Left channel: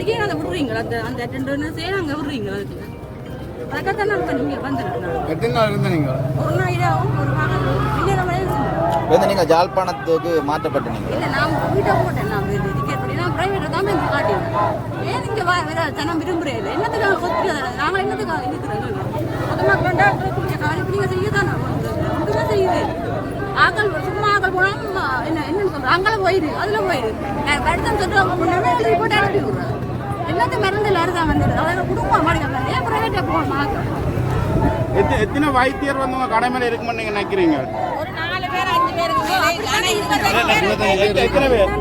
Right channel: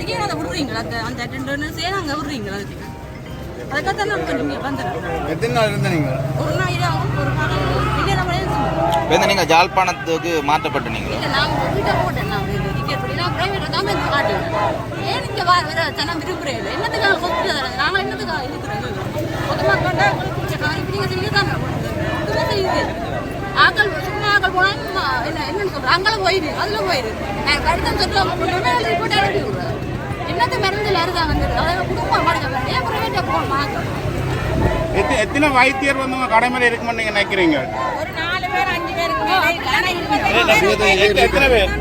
வாட்டிக்கே அதை விடுறீங்களா? அந்த அந்த ரெண்டு நிமிஷம் அங்கே விடுறீங்களா அதுக்கு? அதுக்காகத்தான் நான் இப்போ நீங்கள் வந்துடுறேன் எத்தனை நாள் இருந்த நீங்கள் ஒரு நாள் இதாகும் ஒரு நாள் வந்து நீங்கள் ஜாழ்ப்பாணத்துக்கு மாற்றப்பட்ட நீங்களோ இல்லை நான் வீட்டை போட்டேன். நான் டிக்கெட் பண்ணி நான் ப்ரைவேட்டை தான் வந்து காட்டுவேன் ஏன் இங்கே வா நான் விரும்புகிறேன் இல்லை. என்னத்துக்காக ஹாஸ்பிட்டல் நாங்கள் என்னத்துக்காக இருக்கிறோம்? பொதுமக்கள் கண்டா பிடிச்ச காரியம் நீங்கள் செய்ய தானே ஒன்றுமே செய்யுது ஆக்கள் சும்மா ஆக்கள் போனால் என்ன என்னன்னு சொல்கிறேன் அங்கே போயிடு அதில் போயிடு எனக்கு கடிதம் சொல்லிட்டு அவங்க அனுப்பி விடுறாரு என்னத்த மருந்தில் அறுதான் வந்துடுது அதாவது குடும்பம் மாடுங்க ஏன் ப்ரைவேட்டாக போகணும்? எத்தனை எத்தனை வைத்தியர் வந்து உங்க கடமையில இருக்கும்னு நீங்க நினைக்கிறீங்க? ஒரு நாலு பேர் அஞ்சு பேருக்கு மேலே. ஆனா இருபத்தஞ்சு எத்தனை எத்தனை பேர்?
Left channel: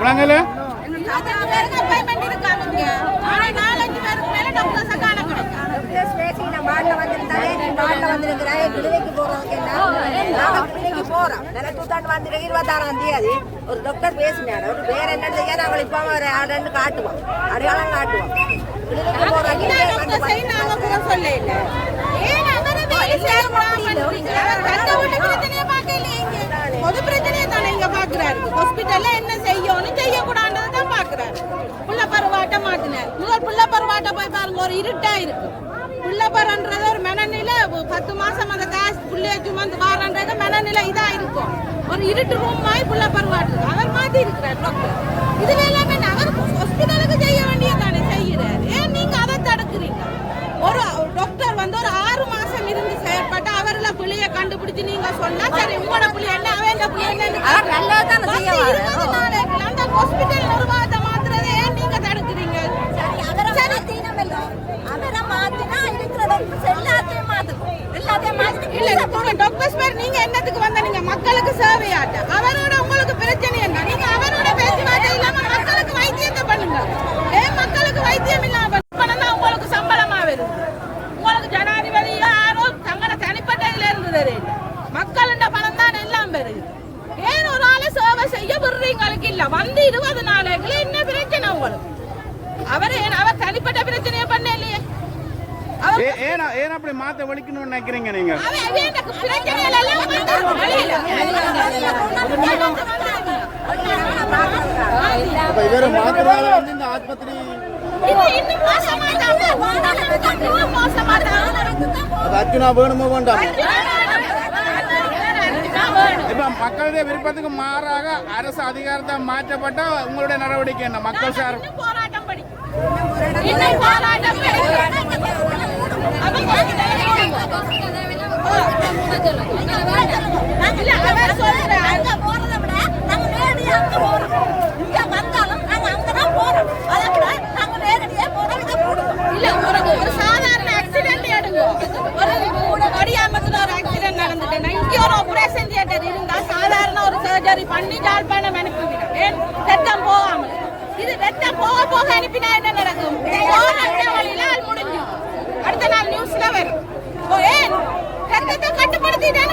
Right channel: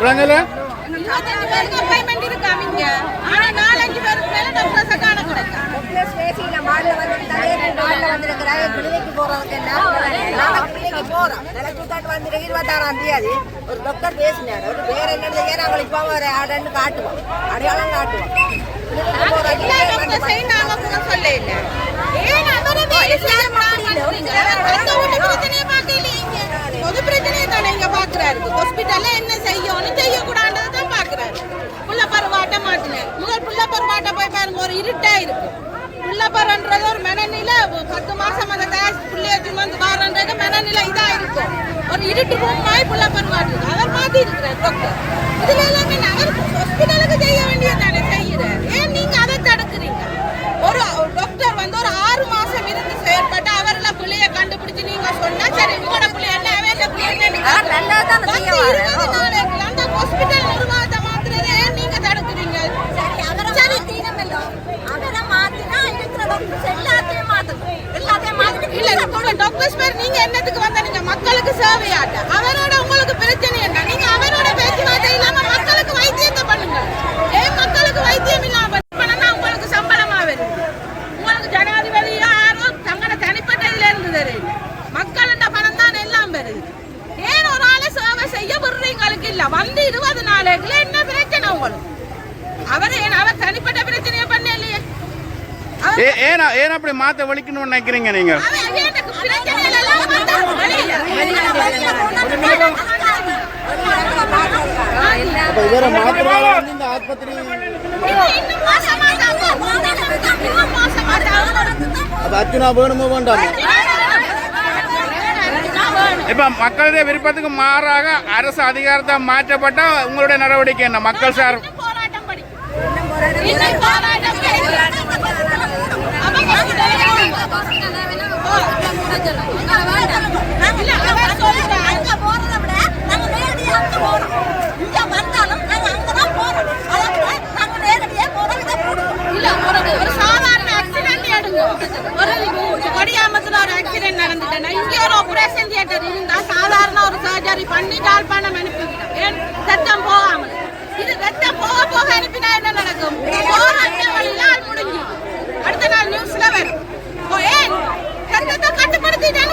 விளங்கல பதினஞ்சு பேருக்கு appointment இருக்காமிங்க. ஆனா நாலஞ்சு பேருக்கு மேல doctors அ காண கிடைக்கும். டாக்டர்ஸ் பேசியில மாடல கிளினிக்கு போறதுக்கு என்ன? கிளினிக்கு போறோம் நிலச்சுட்டாண்டு வந்துருக்கு இருபத்தாறாம் தேதி ஒரு டாக்டர் பேசினார். ஒரு வேற என்ன செய்ய நாங்கள் இப்போ ஒரு ஆடுன்னு காட்டுவோம். அடையாளம் காட்டுவோம். வந்த. பொது பிரச்சனையை தானே இங்க பார்க்கறாரு. hospital-ல என்ன செய்யணும், செய்யக்கூடாதுன்றதை தான் பார்க்கறாரு. புள்ள பருவாட்ட மாட்டினார். முதல் புள்ள பருவாட்ட போய் பாருங்க ஒரு இருட்டா இருக்கு. புள்ள ஒரு மனநிலை பத்து மாசம் அந்த காசு புள்ளைய சுமந்து வாரன்றது மனநிலை இதா இருக்கும் ஒரு இருட்டு ரூம் மாதிரி புள்ள பருவாட்டு அவர் மாத்தி இருக்கிறார் டாக்டர் இதுல எல்லாமே அவர் ஹாஸ்பிட்டலுக்கு செய்ய வேண்டியது தானே செய்யறார் ஏன் நீங்க அதை தடுக்கிறீங்க? ஒரு டாக்டர் வந்து ஒரு ஆறு மாசம் இருந்து செயற்பட்டு அவர்ல புள்ளைய கண்டுபிடிச்சு நீங்க சொன்னா சரி உங்களோட புள்ளை என்ன அவன் என்ன புள்ளை என்னன்னு நல்லதுதான் பத்து இருபது நாளைக்கு அந்த ஹாஸ்பிட்டல் நிர்வாகத்தை மாத்துறதை ஏன் நீங்க தடுக்கிறீங்க அவரை மாத்தினமெல்லாம் அவரை மாத்தினா இருக்கிற டாக்டர்ஸ் எல்லாத்தையும் மாத்தணும் எல்லாத்தையும் மாத்திட்டு இல்ல இப்ப டாக்டர்ஸ் பேர் நீங்க என்னத்துக்கு வந்த நீங்க மக்களுக்கு சேவையாட்ட. அவரோட உங்களுக்கு பிரச்சனை என்ன? நீங்க அவரோட பேச்சுவார்த்தை இல்லாம மக்களுக்கு வைத்தியத்தை பண்ணுங்க. ஏன் மக்களுக்கு வைத்தியம் இல்லாம பண்ணா உங்களுக்கு சம்பளமா வருது உங்களுக்கு ஜனாதிபதியோ யாரோ தங்கட தனிப்பட்ட இதுல இருந்து தருது மக்களோட பணம் தான் எல்லாம் வருது. ஏன் ஒரு ஆளை சேவை செய்ய விடுறீங்களுக்கு இல்ல. வந்து இருபது நாளைக்குள்ள என்ன பிரச்சனை உங்களுக்கு? அவர் அவர் தனிப்பட்ட பிரச்சனையை பண்ணலையே? அவர் ஏ- ஏன் ஏன் அப்படி மாத்த வலிக்கணும்னு நினைக்கிறீங்க நீங்க? இவரை மாத்துறதால வந்து இந்த ஆஸ்பத்திரி வேணுமோ வேண்டாம். இப்ப மக்களுடைய விருப்பத்துக்கு மாறாக அரசு அதிகாரத்தை மாற்றப்பட்ட உங்களுடைய நடவடிக்கை என்ன? மக்கள் சார் போராட்டம் ¡Vamos! ¡Vamos! ¡Vamos! ¡Vamos!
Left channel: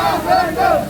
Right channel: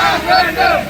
ஒரு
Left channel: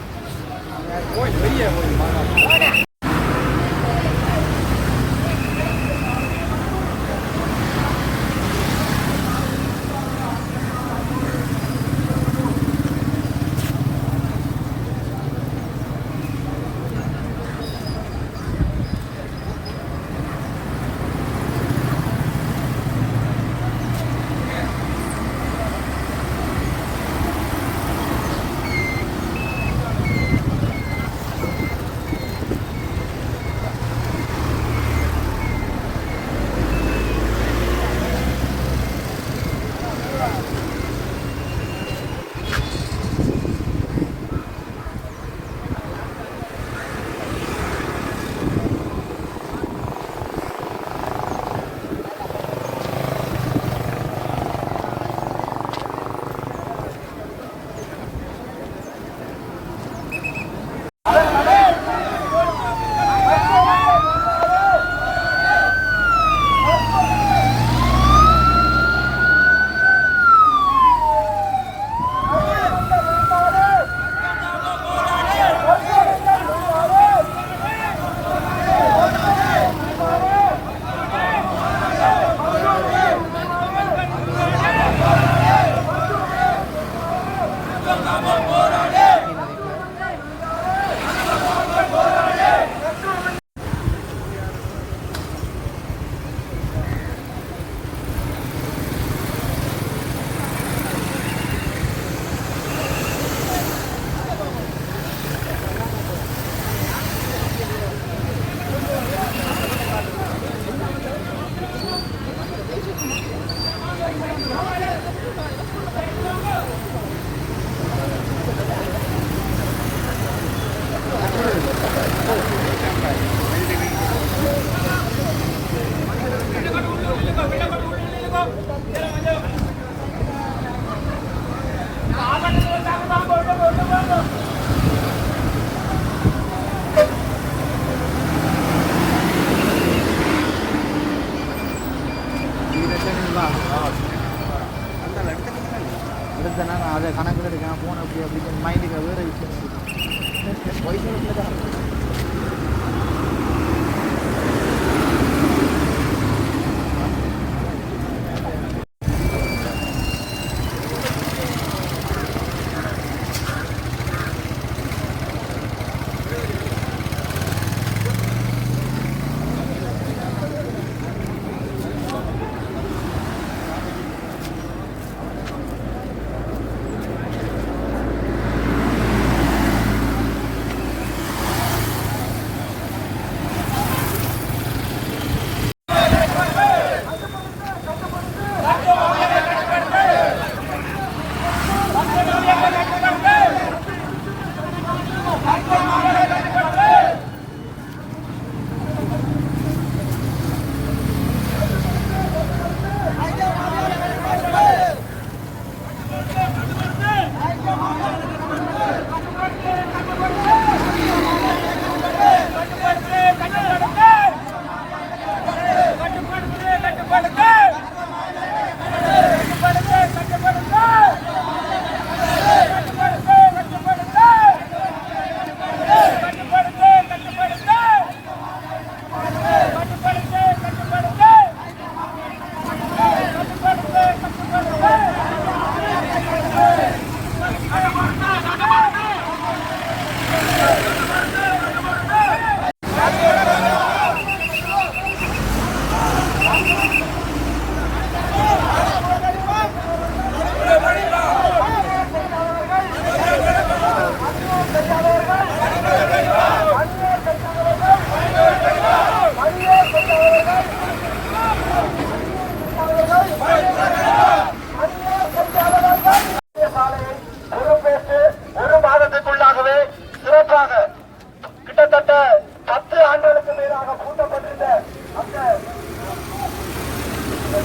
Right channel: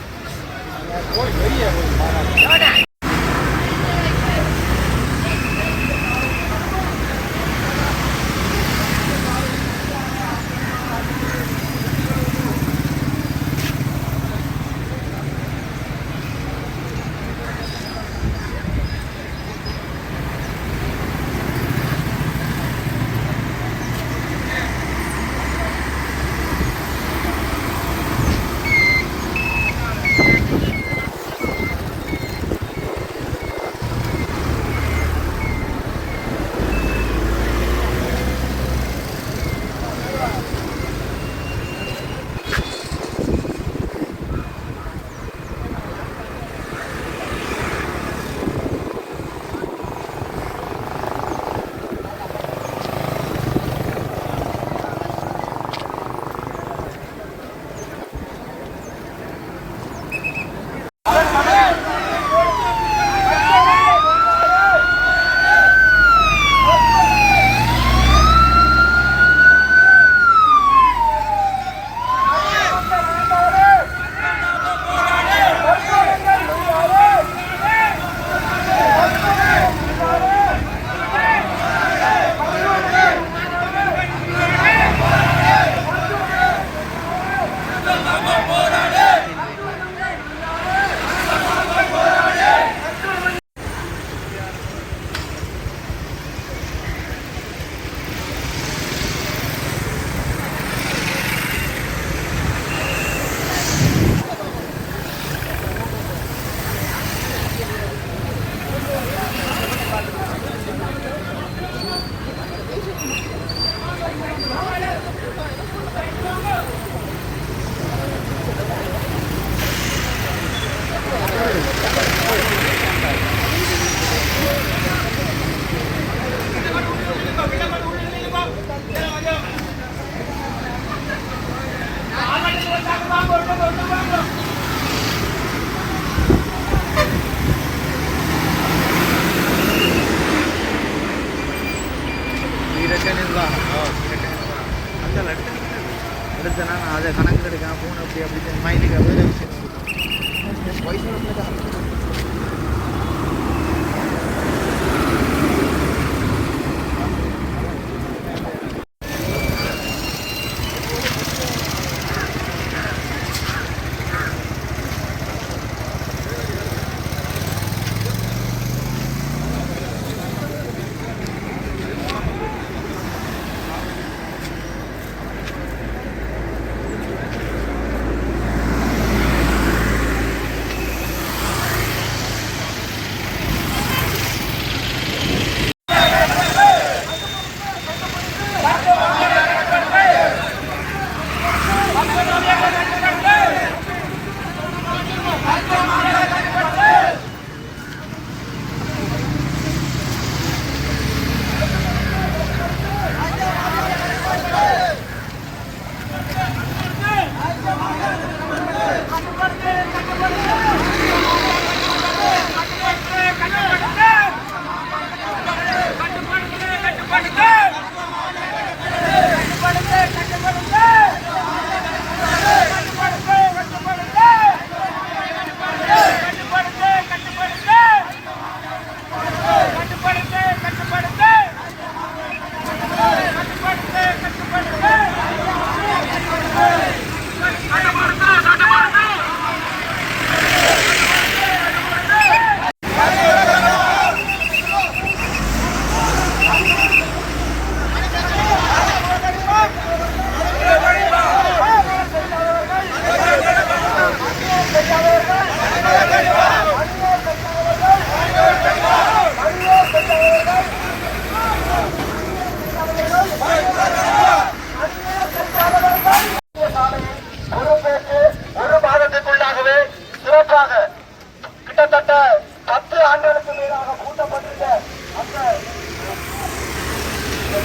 வரா இல்லாட்டி அவங்க அது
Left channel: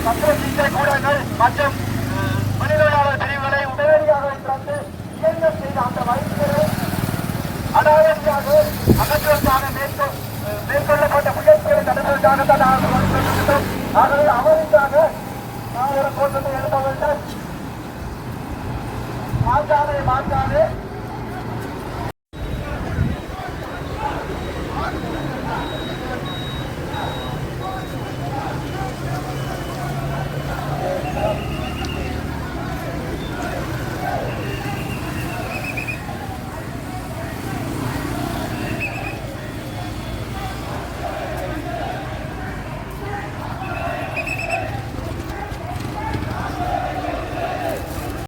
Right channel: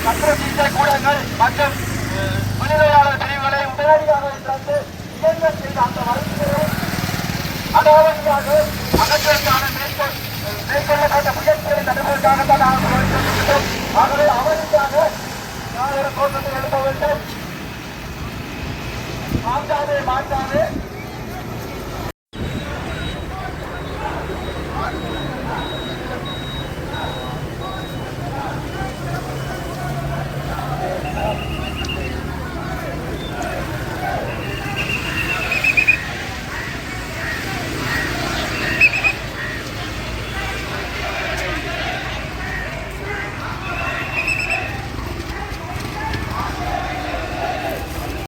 சத்திர சிகிச்சை கூடங்கள் மற்றும் அஹ், பிரிவுகளை உடனடியாக திறந்து இயங்க செய்த அந்த வழக்குகளை அனாவசியாக அகற்றுவதற்கான மேற்கொள் மேற்கொள்ளப்பட்ட முயற்சிகளை தடுப்பதற்காகத்தான் நான் கொடுத்திருக்கின்றோம். ஆகவே அவருக்காக நான் ஒரு கோஷத்தை எழுத வேண்டும் மாற்றாதே மாற்றாதே